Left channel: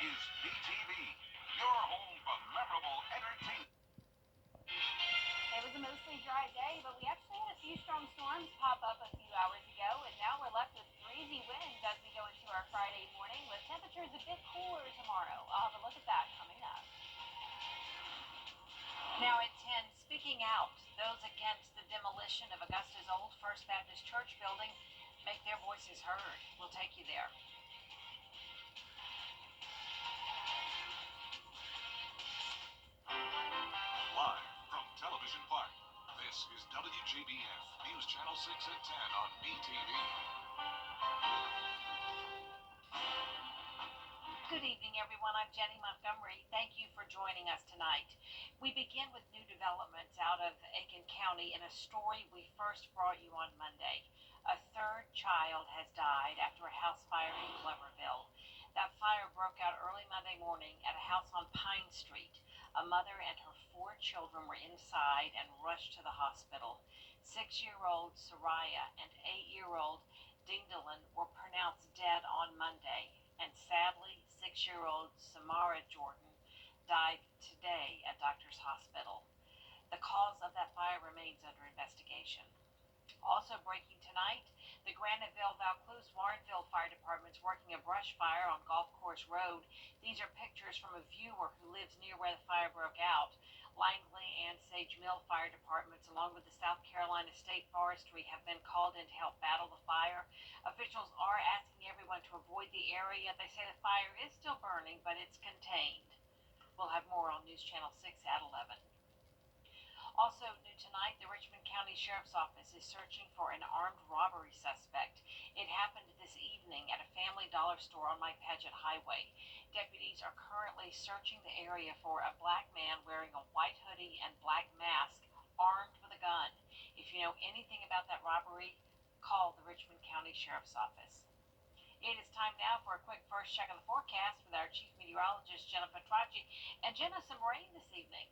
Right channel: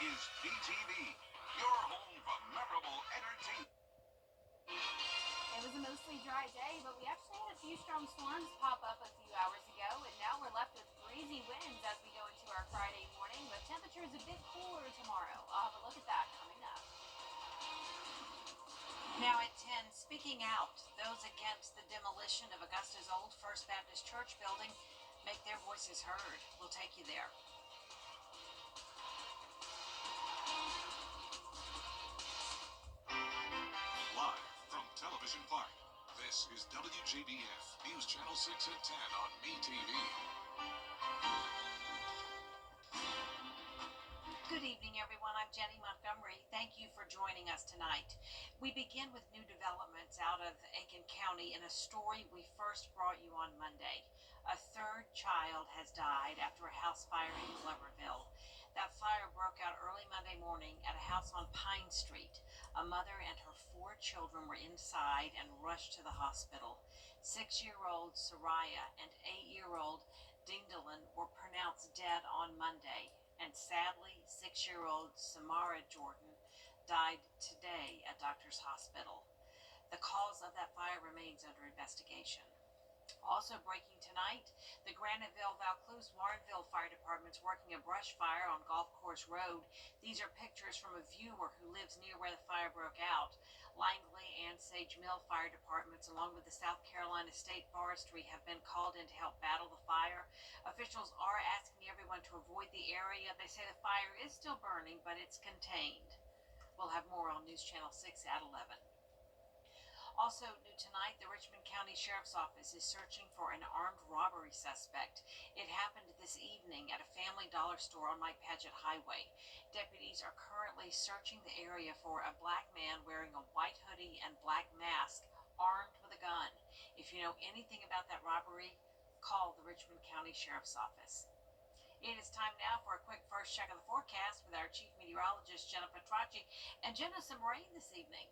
is BTV, your home for memorable entertainment. It was a mostly dry day, but we actually had a few strong storms pop up a few hours ago, and now we're left with breezy winds as we go into our Friday morning, with temperatures a bit cooler tomorrow. I'll have a look at that coming up. Now at 10, speaking out, those against the demolition of Augusta's old First Baptist Church building make their voices heard. We'll take you there. Live from Television Park, this is WJBF News Channel 6 at 10 on BTV. Good evening, everyone. I'm Jenny Montgomery. Thank you for joining us tonight. We begin with new developments out of Aiken County in a story we first brought you on Monday. A third child has died after a house fire in Gloverville. That fire broke out early Monday morning at a house on Pine Street. A mother and her 4 children were inside and rushed to the hospital. 6-year-old Soraya and 8-year-old Dingdalin were pronounced dead on Monday. And sadly, 6-year-old Samara Jordan died today at Doctors Hospital. The cause of that fire remains under investigation. Also breaking tonight, the Graniteville, Vaucluse, Warrenville Fire Department's working a brush fire on Golf Course Road. These are pictures from a viewer who lives near where the fire broke out. Langley and Sage Mill Fire Departments, along with the South Carolina State Forestry, have been called in to help battle the fire. Officials are asking everyone to avoid the area. They say the fire is still burning, but it's contained. We'll have more on News Channel 6 at 11. Also new tonight, the Richmond County Sheriff's Office is searching for an armed robbery suspect. It happened this evening at a Family Dollar store on Mike Paget Highway. Deputies are currently searching the area for a black man wearing a white hoodie and black mask, armed with a gun. If you know anything about that robbery, call the Richmond County Sheriff's Office. It is time now for a quick first check of the forecast with our Chief Meteorologist, Jenna Petracci. And Jenna, some rain this evening.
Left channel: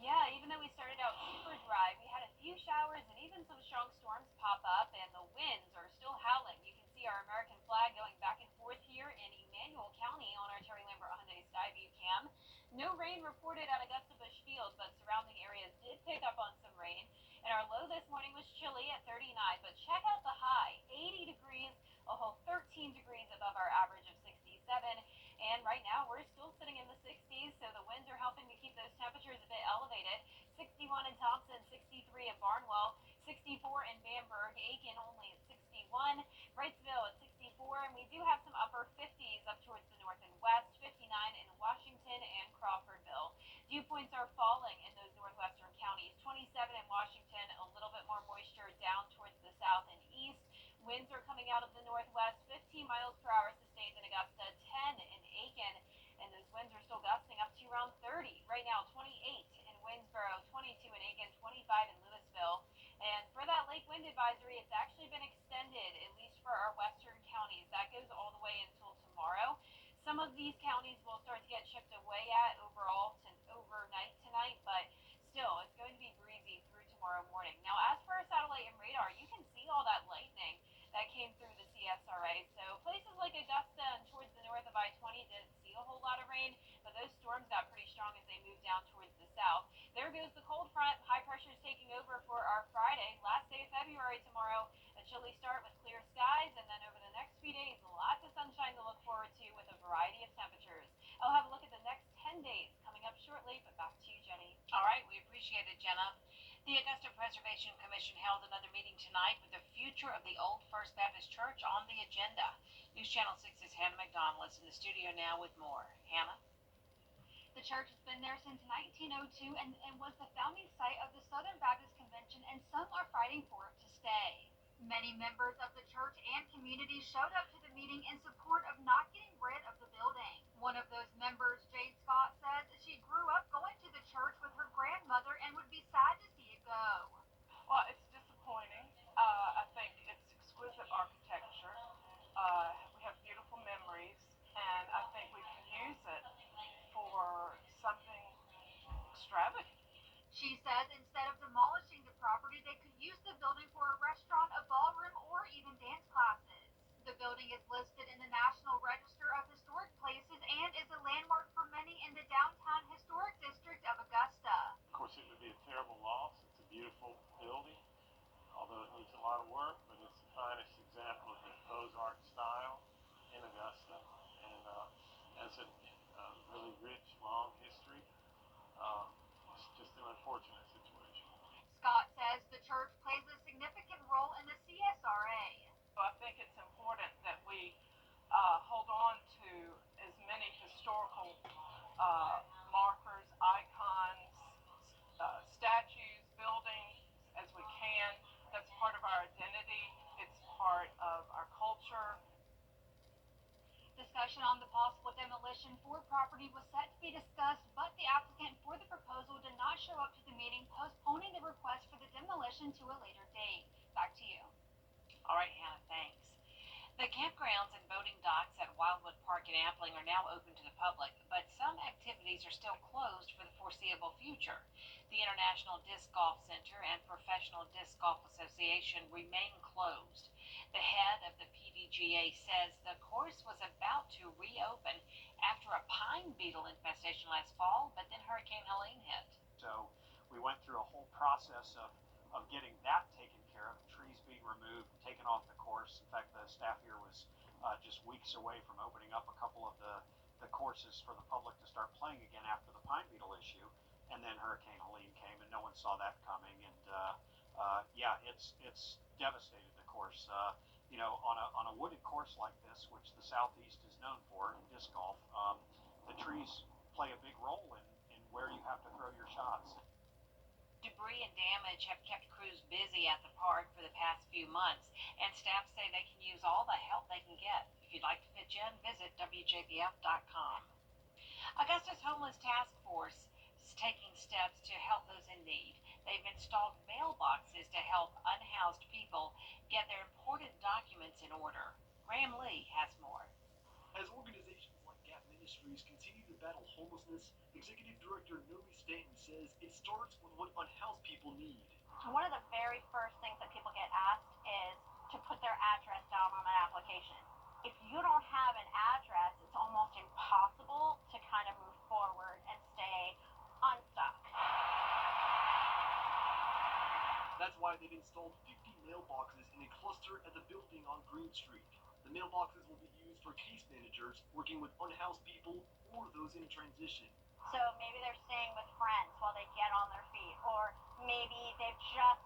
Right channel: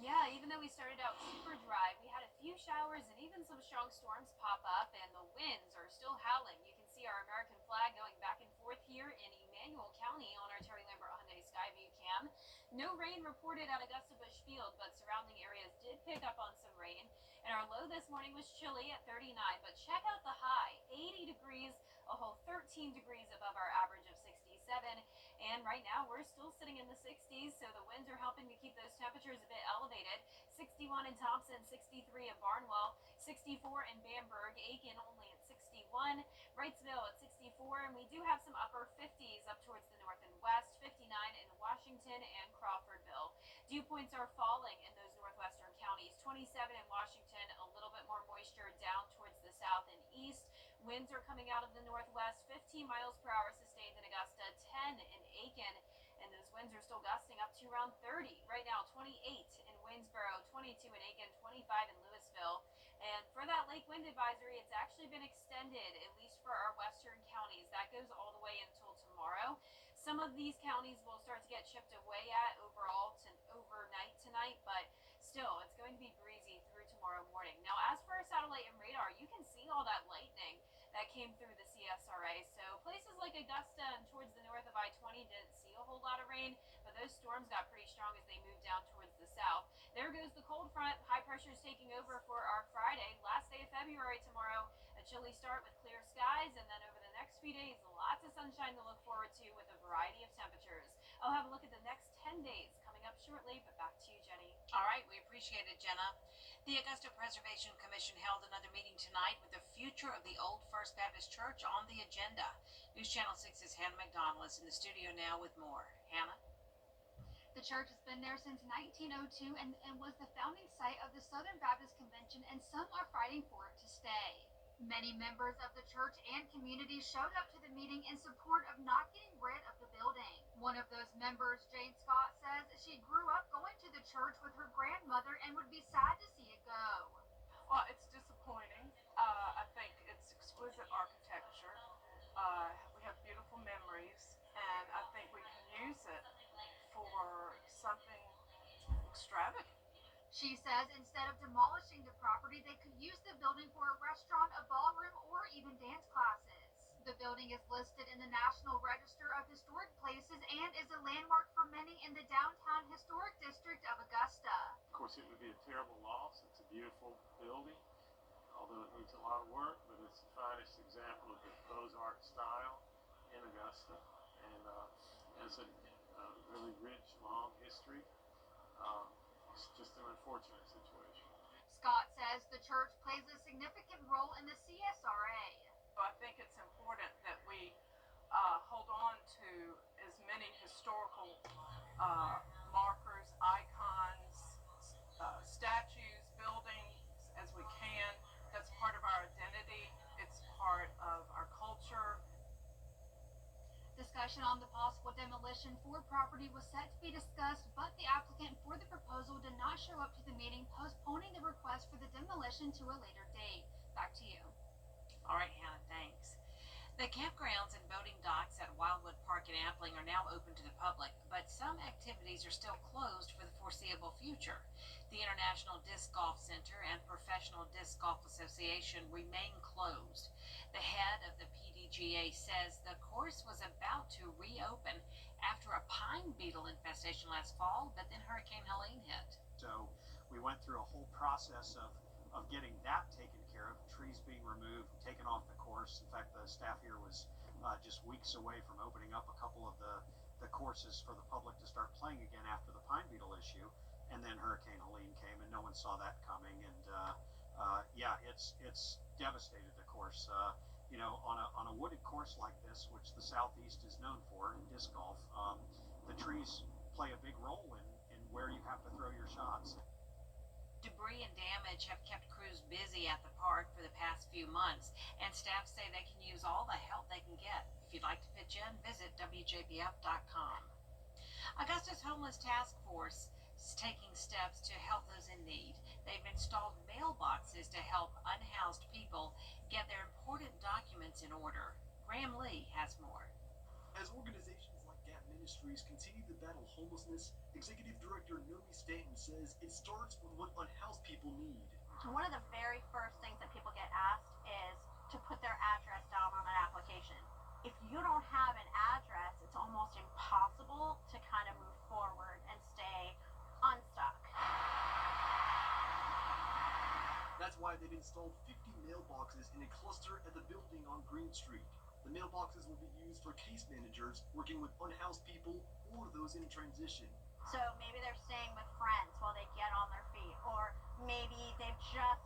Yeah, even though we started out super dry, we had a few showers and even some strong storms pop up, and the winds are still howling. You can see our American flag going back and forth here in Emmanuel County on our Terry Lambert Hyundai Skyview cam. No rain reported at Augusta Busch Field, but surrounding areas did pick up on some rain. And our low this morning was chilly at 39, but check out the high, 80 degrees, a whole 13 degrees above our average of 67. And right now we're still sitting in the 60s, so the winds are helping to keep those temperatures a bit elevated. 61 in Thompson, 63 in Barnwell, 64 in Bamberg, Aiken only at 61, Wrightsville at 64, and we do have some upper 50s up towards the north and west, 59 in Washington and Crawfordville. Dew points are falling in those northwestern counties, 27 in Washington, a little bit more moisture down towards the south and east. Winds are coming out of the northwest, 15 miles per hour sustained in Augusta, 10 in Aiken, and those winds are still gusting up to around 30. Right now, 28 in Winsboro, 22 in Aiken, 25 in Louisville. And for that lake wind advisory, it's actually been extended, at least for our western counties. That goes all the way until tomorrow. Some of these counties will start to get chipped away at overnight tonight, but still, it's going to be breezy through tomorrow morning. Now, as for our satellite and radar, you can see all that lightning that came through the CSRA. So places like Augusta and towards the north of I-20 didn't see a whole lot of rain, but those storms got pretty strong as they moved down towards the south. There goes the cold front. High pressure is taking over for our Friday, last day of February tomorrow. A chilly start with clear skies, and then over the next few days, lots of sunshine to look forward to with a variety of temperatures. I'll have a look at the next 10 days coming up shortly, but back to you, Jenny. All right, we appreciate it, Jenna. The Augusta Preservation Commission held another meeting tonight with the future of the old First Baptist Church on the agenda. News Channel 6's Hannah McDonald is in the studio now with more. Hannah? The church has been there since 1902 and was the founding site of the Southern Baptist Convention, and some are fighting for it to stay. Many members of the church and community showed up to the meeting in support of not getting rid of the building. One of those members, Jade Scott, says she grew up going to the church with her grandmother and would be sad to see it go. Well, it's disappointing. I think it's exquisite architecture. We have beautiful memories, and I think we can use it for something extravagant. She says instead of demolishing the property, they could use the building for a restaurant, a ballroom, or even dance classes. The building is listed in the National Register of Historic Places and although it needs a lot of work, but it's the finest example of the Beaux-Arts style in Augusta, and has a really rich, long history. It's just an unfortunate situation. Scott says the church plays a significant role in the CSRA. So I think it's important that we hold on to as many historical markers, icons, statues, buildings as we can. That's part of our identity. It's part of our culture. Discussion on the possible demolition for property was set to be discussed, but the applicant for the proposal did not show up to the meeting, postponing the request for the demolition to a later date. Back to you. All right, Hannah, thanks. The campgrounds and boating docks at Wildwood Park in Appling are now open to the public, but some activities are still closed for the foreseeable future. The International Disc Golf Center and Professional Disc Golf Association remain closed. The head of the PDGA says the course was about to reopen after a pine beetle infestation last fall, but then Hurricane Helene hit. So we went through a whole process of getting that taken care of, trees being removed, taken off the course. In fact, the staff here was just weeks away from opening up a couple of the courses for the public to start playing again after the pine beetle issue. And then Hurricane Helene came, and no one saw that coming. And yeah, it's devastated the course. You know, on a wooded course like this, which the Southeast is known for in disc golf, the trees play a big role in where you have to throw your shots. Debris and damage have kept crews busy at the park for the past few months, and staff say they can use all the help they can get. If you'd like to pitch in, visit WJBF.com. Augusta's Homeless Task Force is taking steps to help those in need. They've installed mailboxes to help unhoused people get their important documents in order. Graham Lee has more. As organizations like Gap Ministries continue to battle homelessness, Executive Director Nomi Stanton says it starts with what unhoused people need. One of the very first things that people get asked is to put their address down on an application. If you don't have an address, it's almost impossible to kind of move forward and stay unstuck. That's why they've installed 50 mailboxes in a cluster at the building on Green Street. The mailboxes will be used for case managers working with unhoused people or those in transition. So maybe they're staying with friends while they get on their feet, or maybe they've just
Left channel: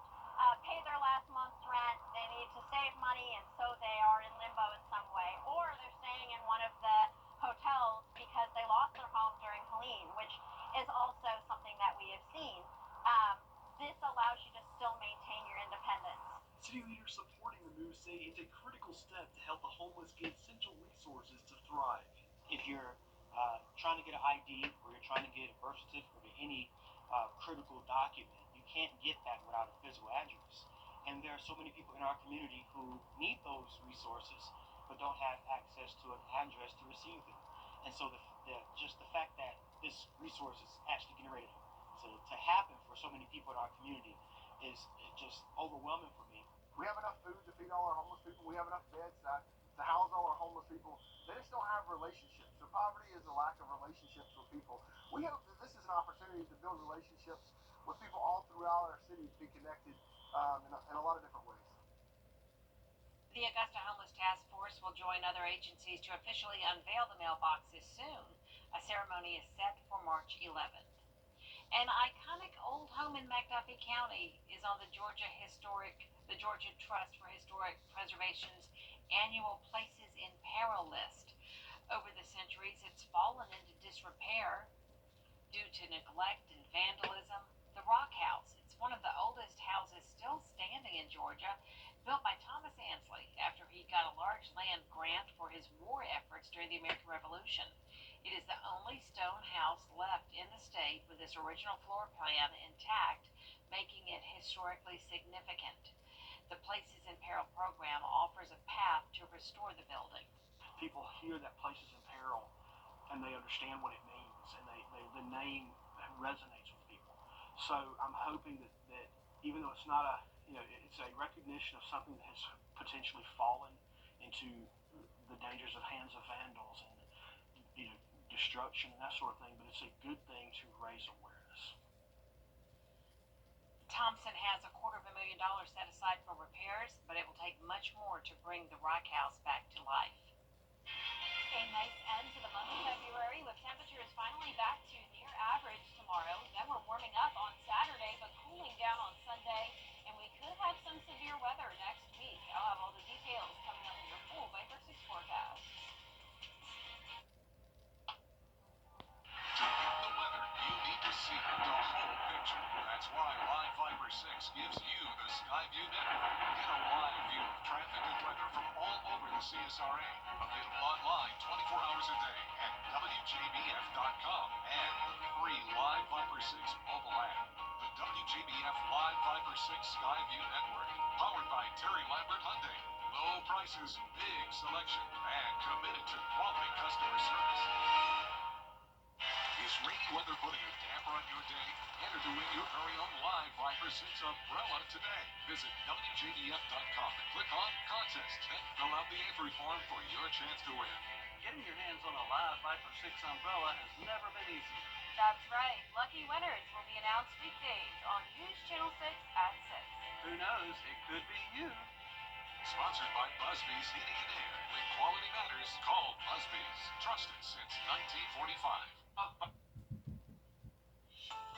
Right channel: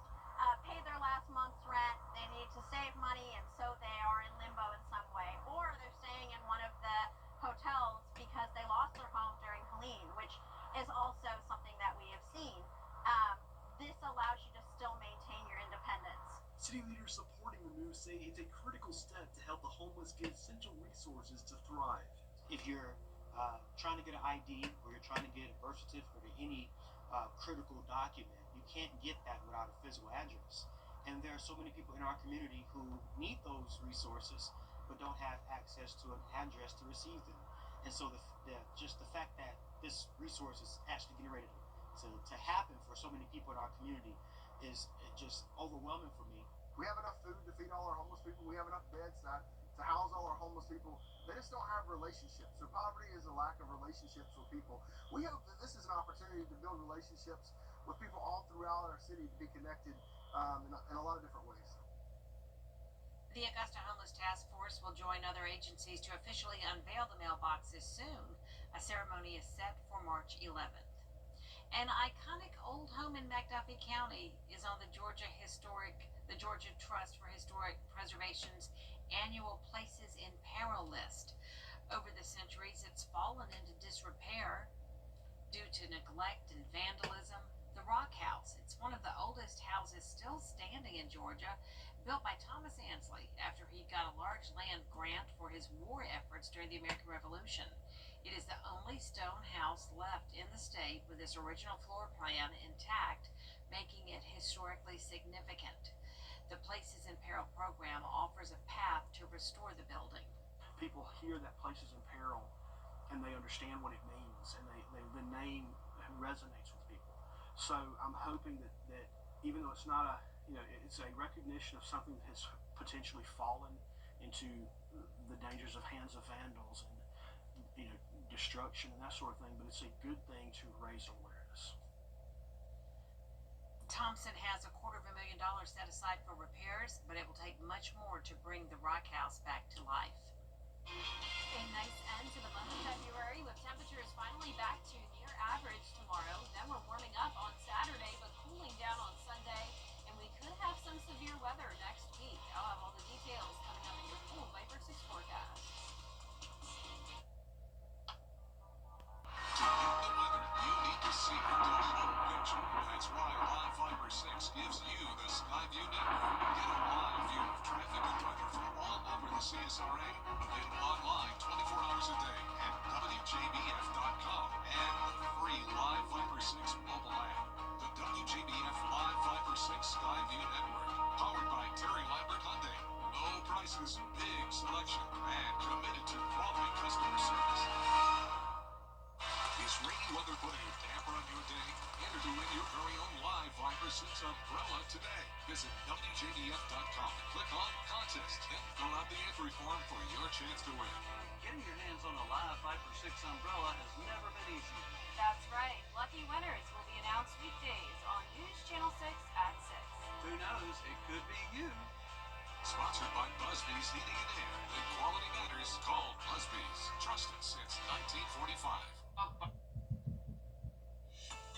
paid their last month's rent, they need to save money, and so they are in limbo in some way, or they're staying in one of the hotels because they lost their home during Helene, which is also something that we have seen. This allows you to still maintain your independence. City leaders supporting the move say it's a critical step to help the homeless get essential resources to thrive. If you're trying to get an ID or you're trying to get a birth certificate or any critical document, you can't get that without a physical address. And there are so many people in our community who need those resources but don't have access to an address to receive them. And so just the fact that this resource is actually getting ready to happen for so many people in our community is just overwhelming for me. We have enough food to feed all our homeless people. We have enough beds to house all our homeless people. They just don't have relationships. So poverty is a lack of relationships with people. We hope that this is an opportunity to build relationships with people all throughout our city to be connected in a lot of different ways. The Augusta Homeless Task Force will join other agencies to officially unveil the mailboxes soon. A ceremony is set for March 11th. An iconic old home in McDuffie County is on the Georgia Trust for Historic Preservation's annual Places in Peril list. Over the centuries, it's fallen into disrepair due to neglect and vandalism. The Rock House, it's one of the oldest houses still standing in Georgia, built by Thomas Ansley after he got a large land grant for his war efforts during the American Revolution. It is the only stone house left in the state with its original floor plan intact, making it historically significant. The Places in Peril program offers a path to restore the building. People hear that Places in Peril and they understand what it means, and the name resonates with people. So I'm hoping that even though it's not it's a recognition of something that has potentially fallen into the dangers of hands of vandals and destruction and that sort of thing, but it's a good thing to raise awareness. Thompson has $250,000 set aside for repairs, but it will take much more to bring the Rock House back to life. A nice end to the month of February with temperatures finally back to near average tomorrow. Then we're warming up on Saturday, but cooling down on Sunday. And we could have some severe weather next week. I'll have all the details coming up in your full Viper 6 forecast. To get the weather, you need to see the whole picture. That's why Live Viper 6 gives you the Skyview Network. Get a live view of traffic and weather from all over the CSRA. Available online 24 hours a day at WJBF.com and the free Live Viper 6 mobile app. The WJBF Live Viper 6 Skyview Network. Powered by Terry Lambert Hyundai. Low prices, big selection, and committed to quality customer service. Is rainy weather putting a damper on your day? Enter to win your very own Live Viper 6 umbrella today. Visit WJBF.com and click on Contest. Then fill out the entry form for your chance to win. Getting your hands on a Live Viper 6 umbrella has never been easier. That's right. Lucky winners will be announced weekdays on News Channel 6 at 6. Who knows? It could be you. Sponsored by Busby's Heating and Air. When quality matters, call Busby's. Trusted since 1945.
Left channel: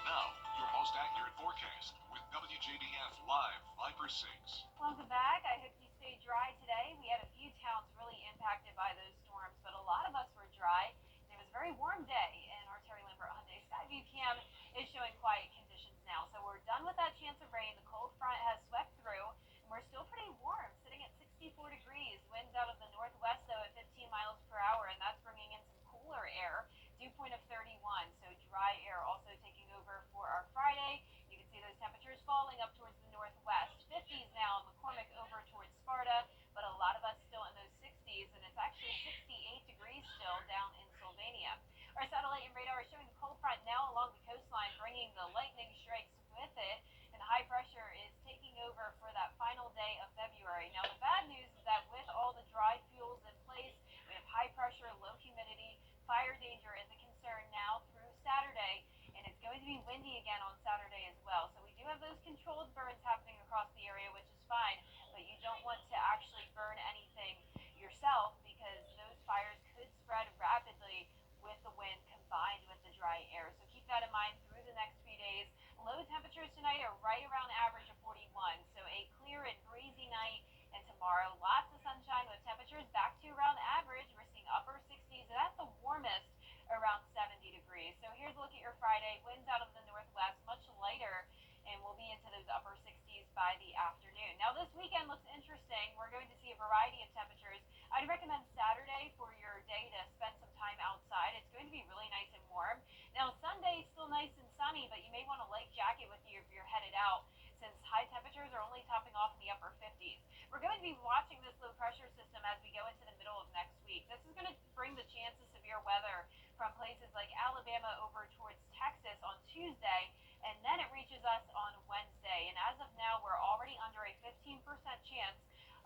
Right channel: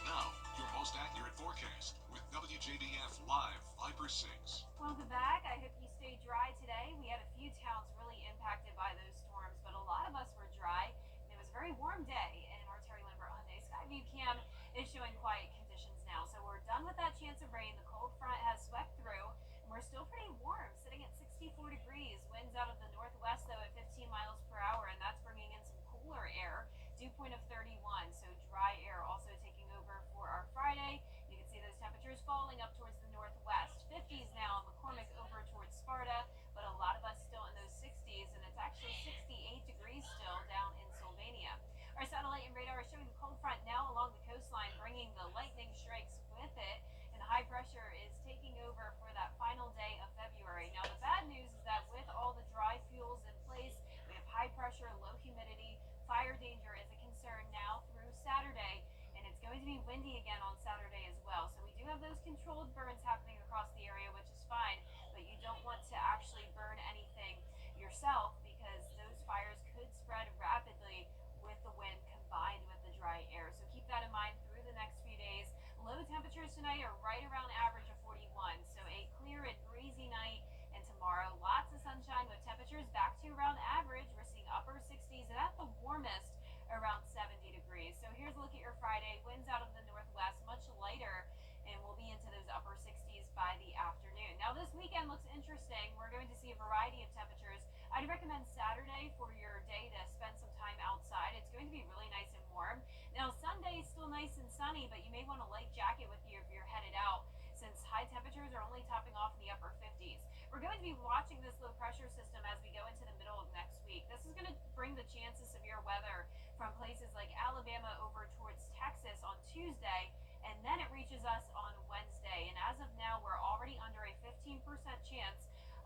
Now, your most accurate forecast with WJBF Live Viper 6. Welcome back. I hope you stayed dry today. We had a few towns really impacted by those storms, but a lot of us were dry. And it was a very warm day, and our Terry Lambert Hyundai Skyview Cam is showing quiet conditions now. So we're done with that chance of rain. The cold front has swept through, and we're still pretty warm, sitting at 64 degrees. Winds out of the northwest, though, at 15 miles per hour, and that's bringing in some cooler air. Dew point of 31, so dry air also taking over for our Friday. You can see those temperatures falling up towards the northwest. 50s now, McCormick over towards Sparta, but a lot of us still in those 60s, and it's actually 68 degrees still down in Sylvania. Our satellite and radar is showing the cold front now along the coastline, bringing the lightning strikes with it, and high pressure is taking over for that final day of February. Now, the bad news is that with all the dry fuels in place, we have high pressure, low humidity. Fire danger is a concern now through Saturday, and it's going to be windy again on Saturday as well. So we do have those controlled burns happening across the area, which is fine, but you don't want to actually burn anything yourself because those fires could spread rapidly with the wind combined with the dry air. So keep that in mind through the next few days. Low temperatures tonight are right around average of 41, so a clear and breezy night. And tomorrow, lots of sunshine with temperatures back to around average. We're seeing upper 60s and at the warmest around 70 degrees. So here's a look at your Friday. Winds out of the northwest, much lighter, and we'll be into those upper 60s by the afternoon. Now this weekend looks interesting. We're going to see a variety of temperatures. I'd recommend Saturday for your day to spend some time outside. It's going to be really nice and warm. Now Sunday is still nice and sunny, but you may want a light jacket with you if you're headed out, since high temperatures are only topping off in the upper 50s. We're going to be watching this low pressure system as we go into the middle of next week. This is going to bring the chance of severe weather from places like Alabama over towards Texas on Tuesday, and then it reaches us on Wednesday. And as of now, we're already under a 15% chance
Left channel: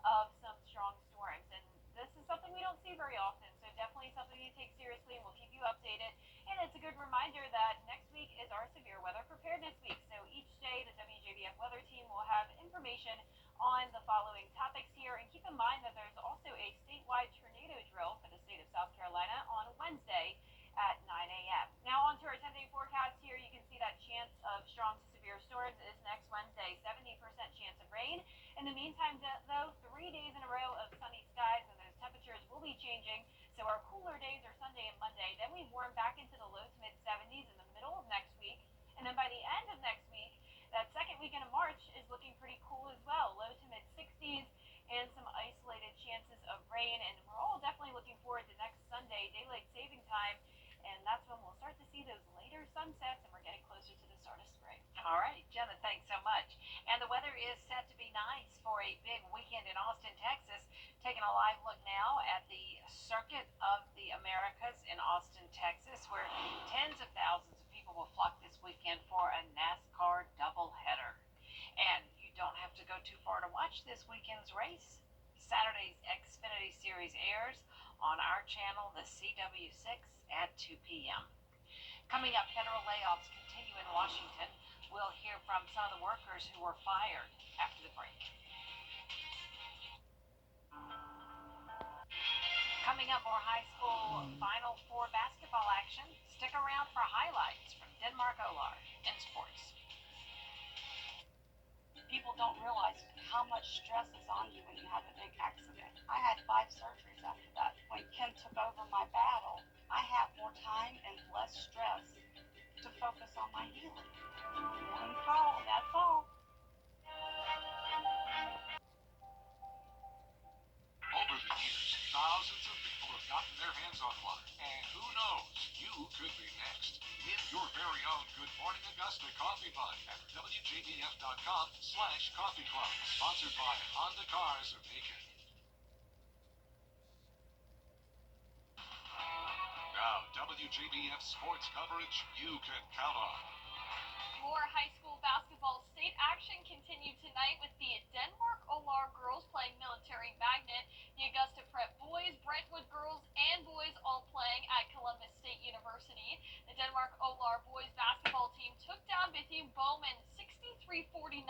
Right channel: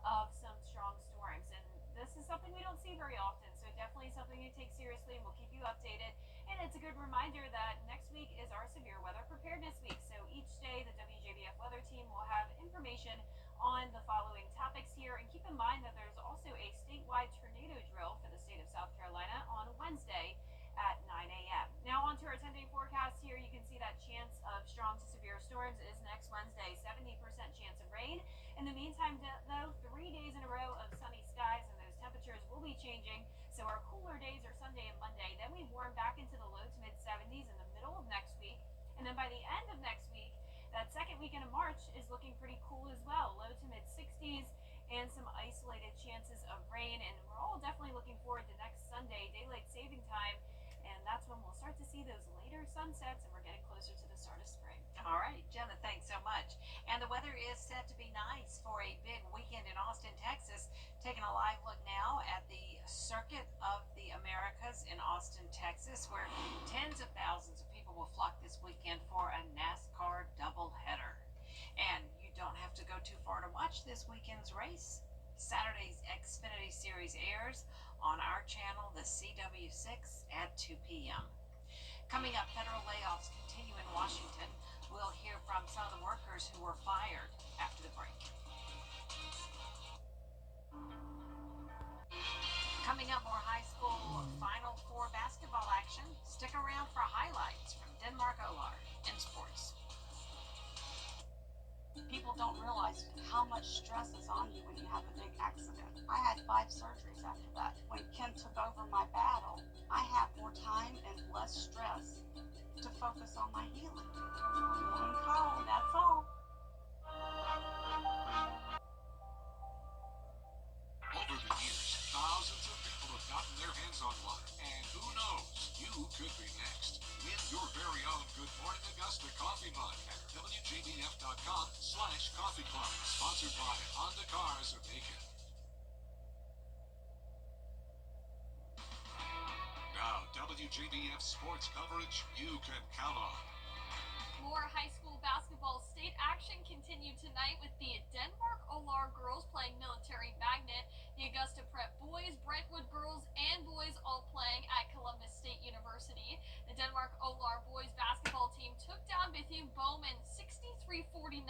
of some strong storms. And this is something we don't see very often, so definitely something to take seriously, and we'll keep you updated. And it's a good reminder that next week is our severe weather preparedness week. So each day, the WJBF weather team will have information on the following topics here. And keep in mind that there's also a statewide tornado drill for the state of South Carolina on Wednesday at 9 a.m. Now on to our 10-day forecast here. You can see that chance of strong to severe storms is next Wednesday, 70% chance of rain. In the meantime, though, 3 days in a row of sunny skies, and those temperatures will be changing. So our cooler days are Sunday and Monday. Then we warm back into the low to mid 70s in the middle of next week. And then by the end of next week, that second weekend of March is looking pretty cool as well. Low to mid 60s and some isolated chances of rain. And we're all definitely looking forward to next Sunday, daylight saving time. And that's when we'll start to see those later sunsets, and we're getting closer to the start of spring. All right, Jenna, thanks so much. And the weather is set to be nice for a big weekend in Austin, Texas. Taking a live look now at the Circuit of the Americas in Austin, Texas, where tens of thousands of people will flock this weekend for a NASCAR doubleheader. And you don't have to go too far to watch this weekend's race. Saturday's Xfinity Series airs on our channel, the CW6 at 2 p.m. Coming up, federal layoffs continue in Washington. We'll hear from some of the workers who were fired after the break. Coming up, more high school Final Four basketball action. Stick around for highlights from Denmark-Olar in sports. People don't realize how much stress is on you when you have a big accident. I had 5 surgeries after that. When Kim took over my battle, I have more time and less stress to focus on my healing. One call, that's all. Over the years, thousands of people have gotten their hands on one. And who knows, you could be next. Win your very own Good Morning Augusta coffee mug at WJBF.com/coffee club. Sponsored by Honda Cars of Aiken. Now, WJBF sports coverage you can count on. More high school basketball state action continued tonight with the Denmark-Olar girls playing Military Magnet, the Augusta Prep boys, Brentwood girls, and boys all playing at Columbus State University. The Denmark-Olar boys basketball team took down Bethune-Bowman 63-49,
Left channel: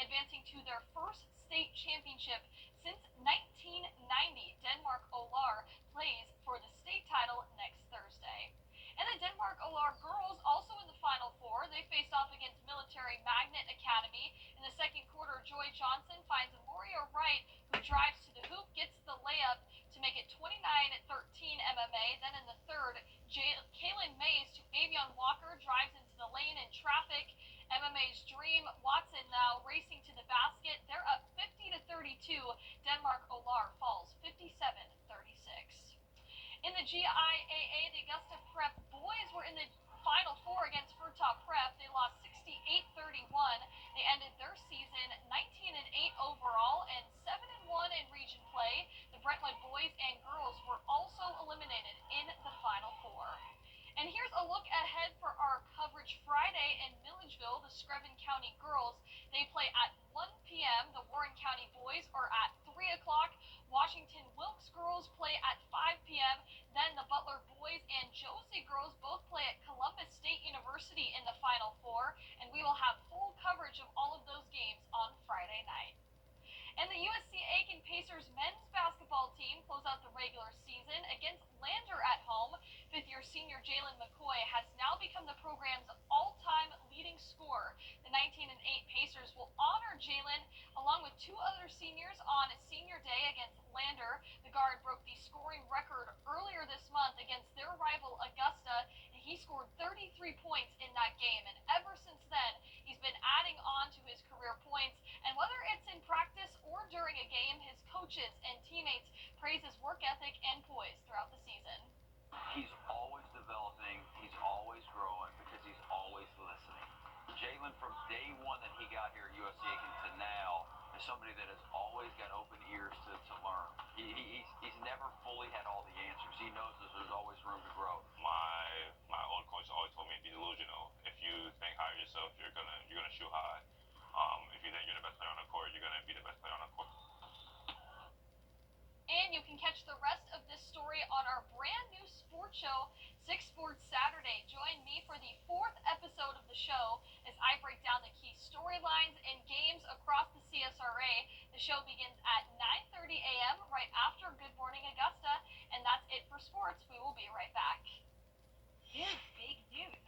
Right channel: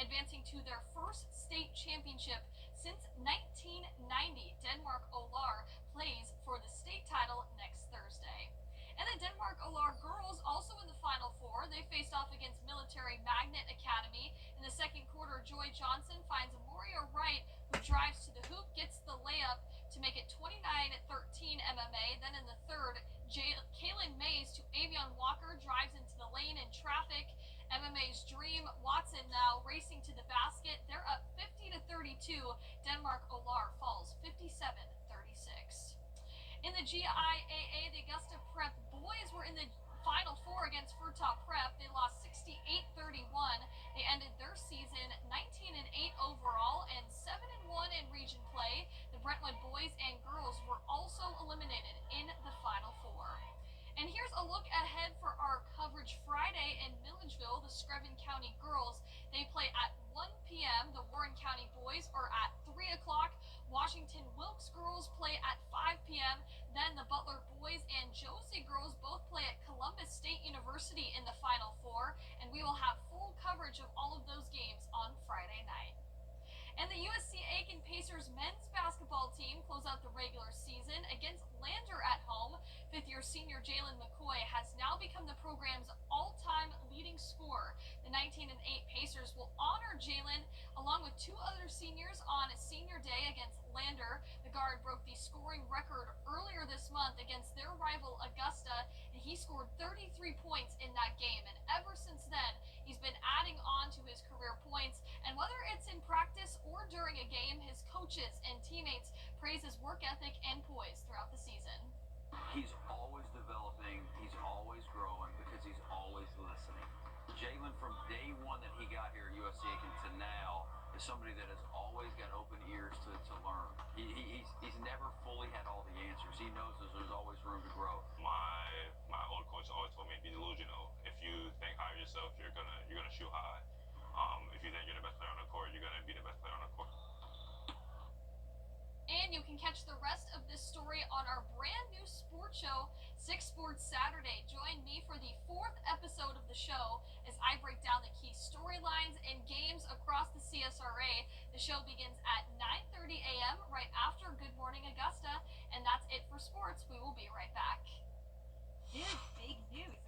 advancing to their first state championship since 1990. Denmark-Olar plays for the state title next Thursday. And the Denmark-Olar girls also in the Final Four. They faced off against Military Magnet Academy. In the second quarter, Joy Johnson finds Amoria Wright, who drives to the hoop, gets the layup to make it 29-13 MMA. Then in the third, Kaylin Mays to Avion Walker drives into the lane in traffic. MMA's Dream Watson now racing to the basket. They're up 50-32. Denmark-Olar falls 57-36. In the GIAA, the Augusta Prep boys were in the Final Four against Furtau Prep. They lost 68-31. They ended their season 19-8 overall and 7-1 in region play. The Brentwood boys and girls were also eliminated in the Final Four. And here's a look ahead for our coverage Friday in Milledgeville. The Screven County girls, they play at 1 p.m. The Warren County boys are at 3 o'clock. Washington Wilkes girls play at 5 p.m. Then the Butler boys and Josie girls both play at Columbus State University in the Final Four. And we will have full coverage of all of those games on Friday night. And the USC Aiken Pacers men's basketball team close out the regular season against Lander at home. Fifth-year senior Jalen McCoy has now become the program's all-time leading scorer. The 19-8 Pacers will honor Jalen along with 2 other seniors on senior day against Lander. The guard broke the scoring record earlier this month against their rival Augusta, and he scored 33 points in that game. And ever since then, he's been adding on to his career points. And whether it's in practice or during a game, his coaches and teammates praise his work ethic and poise throughout the season. He's always developing, he's always growing because he's always listening. Jalen, from day one that he got here at USC Aiken to now, is somebody that has always got open ears to learn. He's never fully had all the answers. He knows there's always room to grow. My old coach always told me, be delusional. If you think high of yourself, you're gonna shoot high. If you think you're the best player on the court, you're gonna be the best player on the court. And you can catch the rest of this story on our brand new sports show, 6 Sports Saturday. Join me for the 4th episode of the show as I break down the key storylines and games across the CSRA. The show begins at 9:30 a.m. right after Good Morning Augusta. And that's it for sports. We will be right back. Here's big news.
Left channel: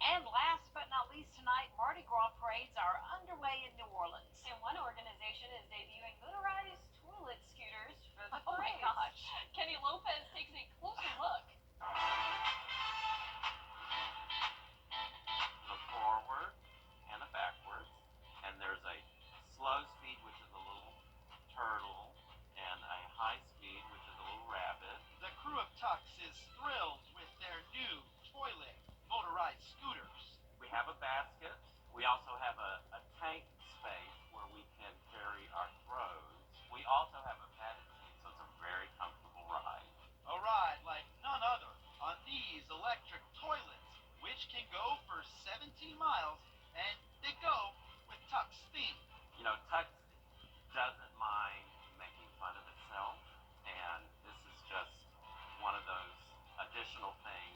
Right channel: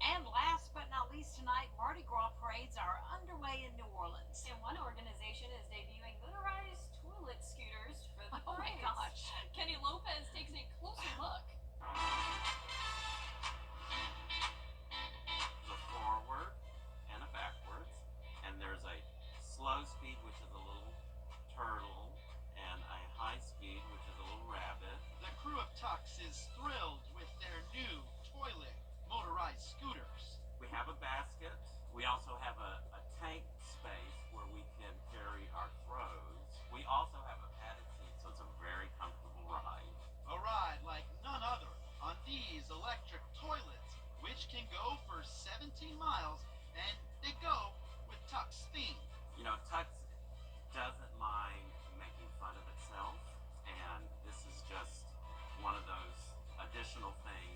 And last but not least tonight, Mardi Gras parades are underway in New Orleans. And one organization is debuting motorized toilet scooters for the Oh my parades. gosh. Kenny Lopez takes a closer look. There's a forward and a backwards, and there's a slow speed, which is a little turtle, and a high speed, which is a little rabbit. The crew of Tux is thrilled with their new toilet motorized scooters. We have a basket. We also have a tank space where we can carry our throws. We also have a padded seat, so it's a very comfortable ride. A ride like none other on these electric toilets, which can go for 17 miles, and they go with Tux theme. You know, Tux doesn't mind making fun of itself, and this is just one of those additional things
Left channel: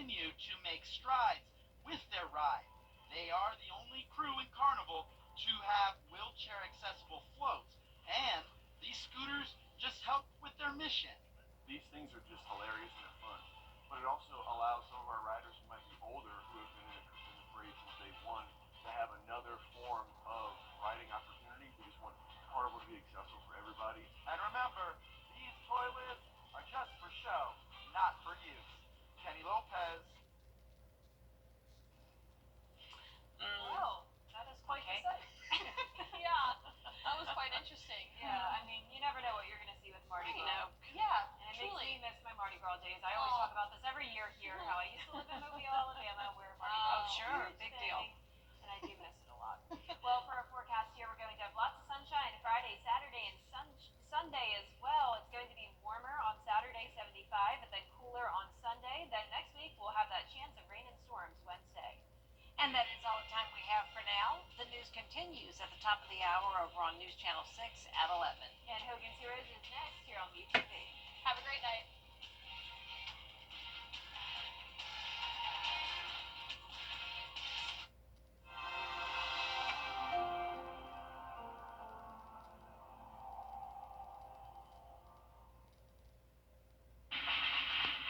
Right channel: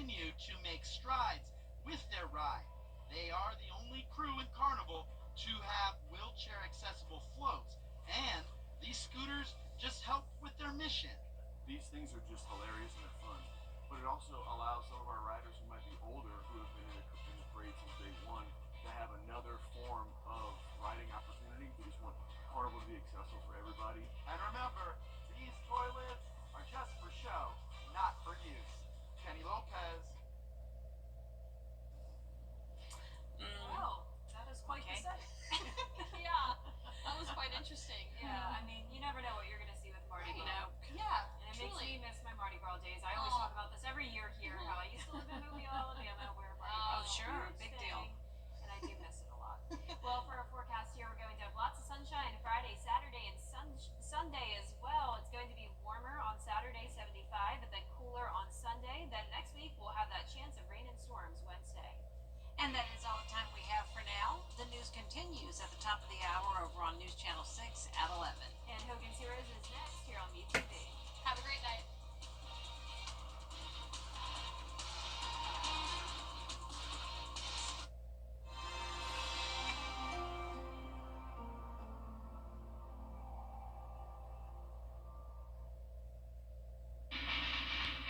continue to make strides with their ride. They are the only crew in Carnival to have wheelchair accessible floats, and these scooters just help with their mission. These things are just hilarious and they're fun, but it also allows some of our riders who might be older, who have been in the parade since day one, to have another form of riding opportunity. We just want Carnival to be accessible for everybody. And remember, these toilets are just for show, not for use. Kenny Lopez. Well, that is quite Okay. the sight. Yeah, that was quite interesting. Yeah, I mean, you never know what you're going to see with Mardi Gras. No. Yeah, and it truly. makes me miss my Mardi Gras days. I always talk about this every year here, how I used to live in Mobile, Alabama, where Mardi Gras Oh, was a sure, huge big thing, deal. and I do miss it a lot. Well, for our forecast here, we're going to have lots of sunshine Friday, Saturday, and Sunday as well. It's going to be warmer on Saturday, 75, but then cooler on Sunday. Then next week, we'll have that chance of rain and storms Wednesday. And that is all the time we have for now. The news continues at the top of the hour over on News Channel 6 at 11. And Hogan's Heroes is next here on WJBF. Have a great night.